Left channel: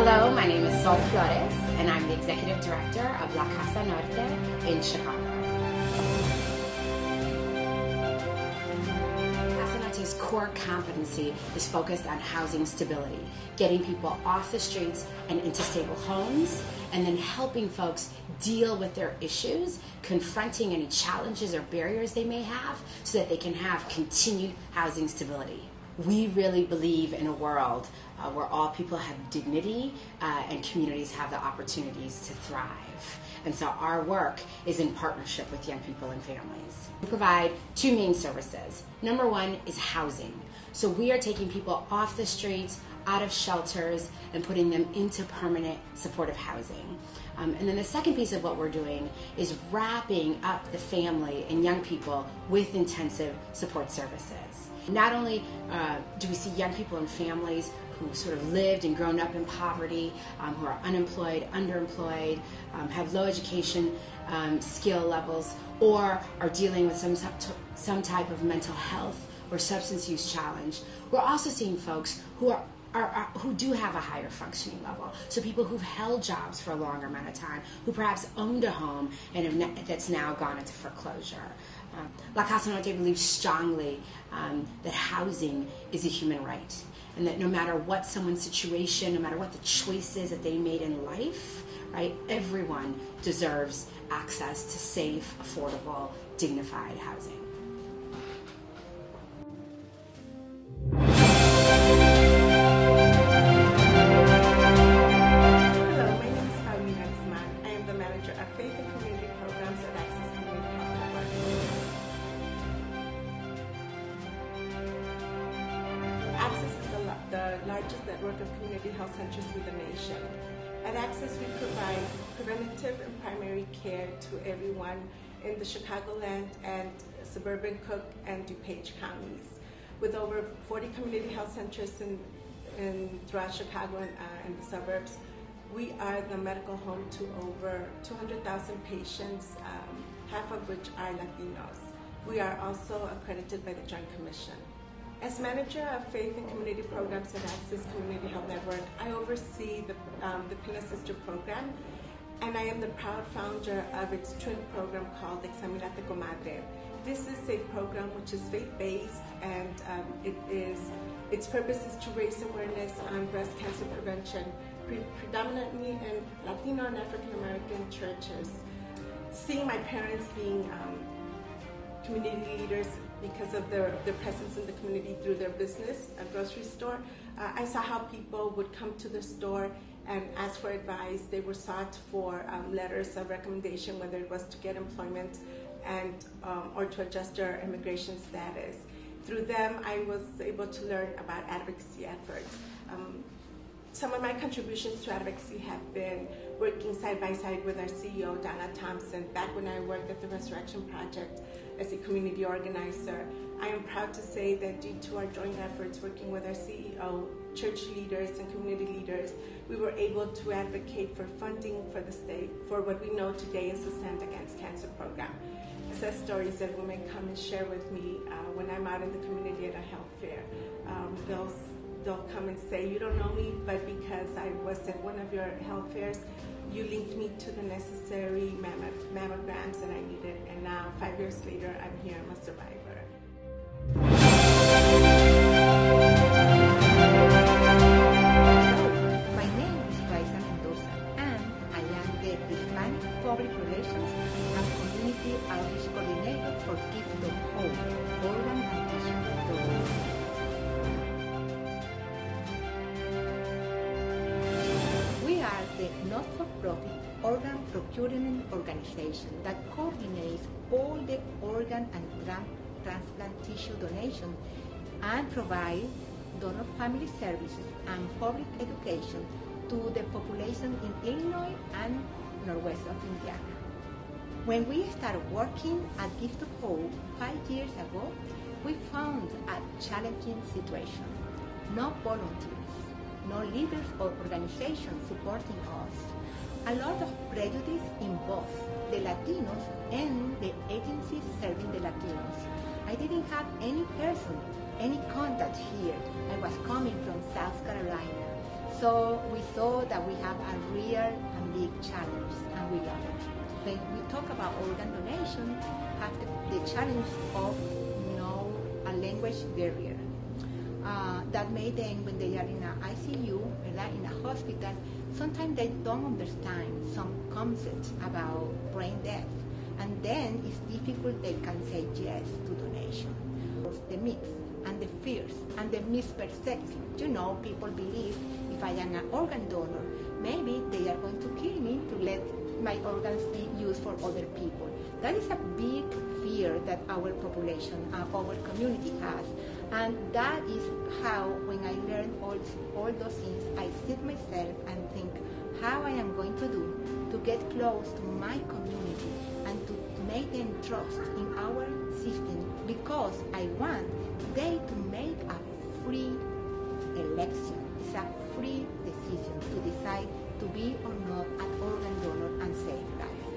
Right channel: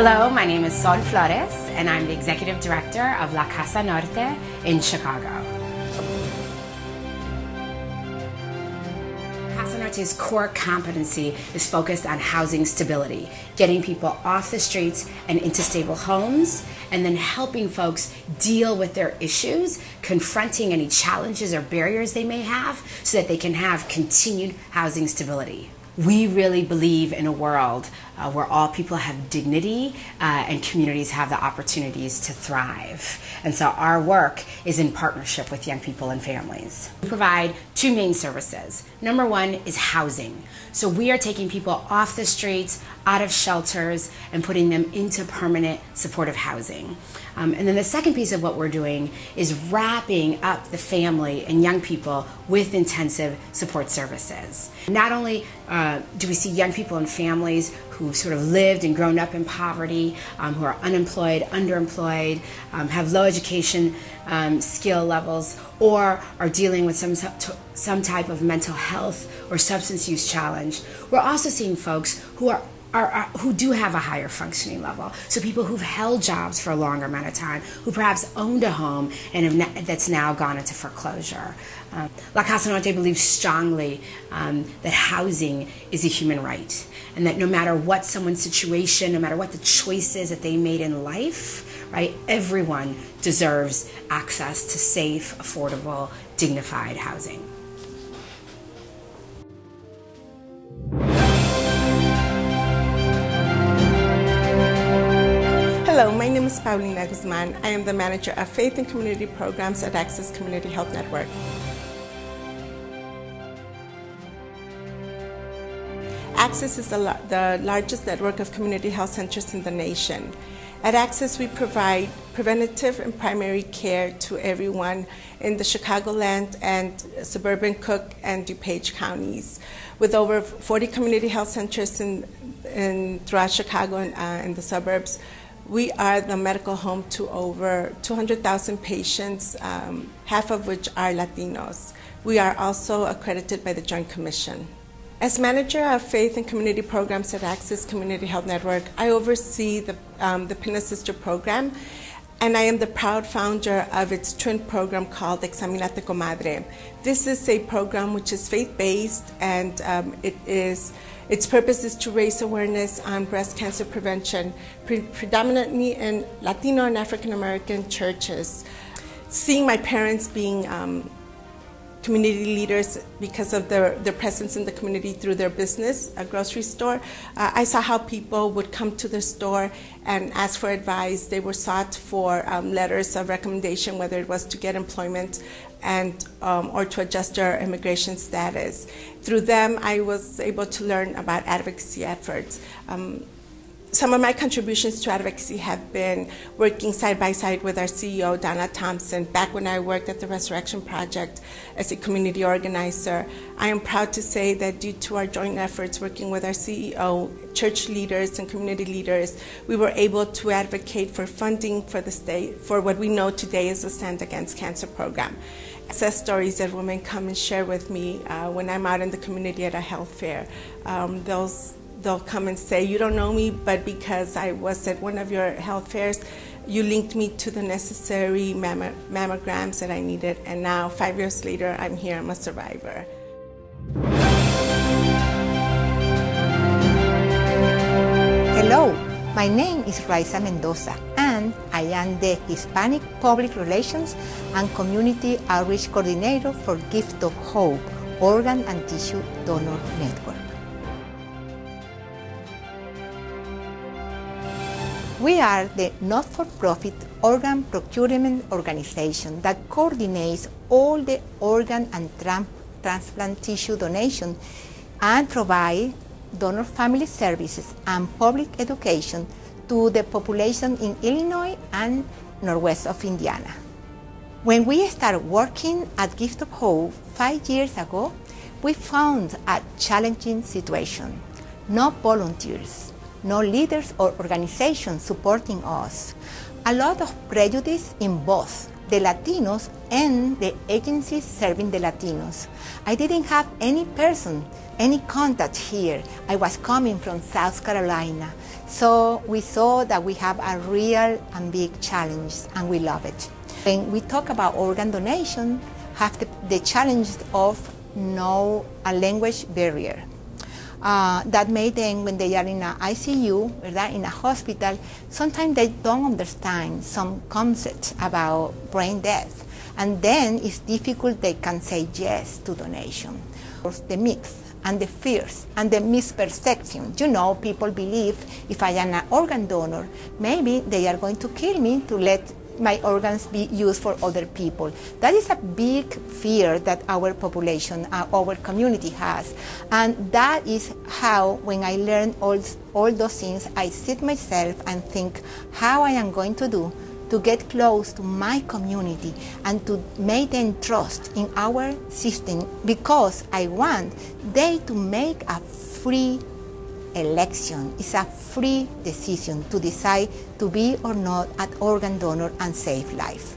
Hello, my name is Flores, and I'm the Executive Director of La Casa Norte in Chicago. Casa Norte's core competency is focused on housing stability, getting people off the streets and into stable homes, and then helping folks deal with their issues, confronting any challenges or barriers they may have so that they can have continued housing stability. We really believe in a world where all people have dignity and communities have the opportunities to thrive. And so our work is in partnership with young people and families. We provide two main services. Number one is housing. So we are taking people off the streets, out of shelters, and putting them into permanent supportive housing. And then the second piece of what we're doing is wrapping up the family and young people with intensive support services. Not only do we see young people and families who sort of lived and grown up in poverty, who are unemployed, underemployed, have low education skill levels, or are dealing with some type of mental health or substance use challenge. We're also seeing folks who who do have a higher functioning level. So people who've held jobs for a longer amount of time, who perhaps owned a home and that's now gone into foreclosure. La Casa Norte believes strongly that housing is a human right, and that no matter what someone's situation, no matter what the choices that they made in life, right, everyone deserves access to safe, affordable, dignified housing. Hello, my name is Paulina Guzman. I am the Manager of Faith and Community Programs at Access Community Health Network. Access is the largest network of community health centers in the nation. At Access, we provide preventative and primary care to everyone in the Chicagoland and suburban Cook and DuPage counties. With over 40 community health centers throughout Chicago and in the suburbs, we are the medical home to over 200,000 patients, half of which are Latinos. We are also accredited by the Joint Commission. As Manager of Faith and Community Programs at Access Community Health Network, I oversee the PINA Sister program, and I am the proud founder of its twin program called Examinate Comadre. This is a program which is faith-based, and its purpose is to raise awareness on breast cancer prevention, predominantly in Latino and African American churches. Seeing my parents being community leaders because of their presence in the community through their business, a grocery store, I saw how people would come to the store and ask for advice. They were sought for letters of recommendation, whether it was to get employment or to adjust their immigration status. Through them, I was able to learn about advocacy efforts. Some of my contributions to advocacy have been working side by side with our CEO, Donna Thompson. Back when I worked at the Resurrection Project as a community organizer, I am proud to say that due to our joint efforts working with our CEO, church leaders, and community leaders, we were able to advocate for funding for the state for what we know today is the Stand Against Cancer program. Success stories that women come and share with me when I'm out in the community at a health fair. They'll come and say, you don't know me, but because I was at one of your health fairs, you linked me to the necessary mammograms that I needed, and now 5 years later, I'm here, I'm a survivor. Hello, my name is Raiza Mendoza, and I am the Hispanic Public Relations and Community Outreach Coordinator for Gift of Hope, Organ and Tissue Donor Network. We are the not-for-profit organ procurement organization that coordinates all the organ and transplant tissue donation and provide donor family services and public education to the population in Illinois and northwest of Indiana. When we started working at Gift of Hope 5 years ago, we found a challenging situation. No volunteers, no leaders or organizations supporting us. A lot of prejudice in both the Latinos and the agencies serving the Latinos. I didn't have any person any contact here. I was coming from South Carolina. So we saw that we have a real and big challenge, and we love it. When we talk about organ donation, have the challenge of no a language barrier. That made them, when they are in an ICU, or in a hospital, sometimes they don't understand some concepts about brain death. And then it's difficult, they can say yes to donation. The myths and the fears and the misperception. You know, people believe if I am an organ donor, maybe they are going to kill me to let my organs be used for other people. That is a big fear that our population, our community has. And that is how, when I learn all those things, I sit myself and think how I am going to do to get close to my community and to make them trust in our system, because I want they to make a free election. It's a free decision to decide to be or not an organ donor and save life.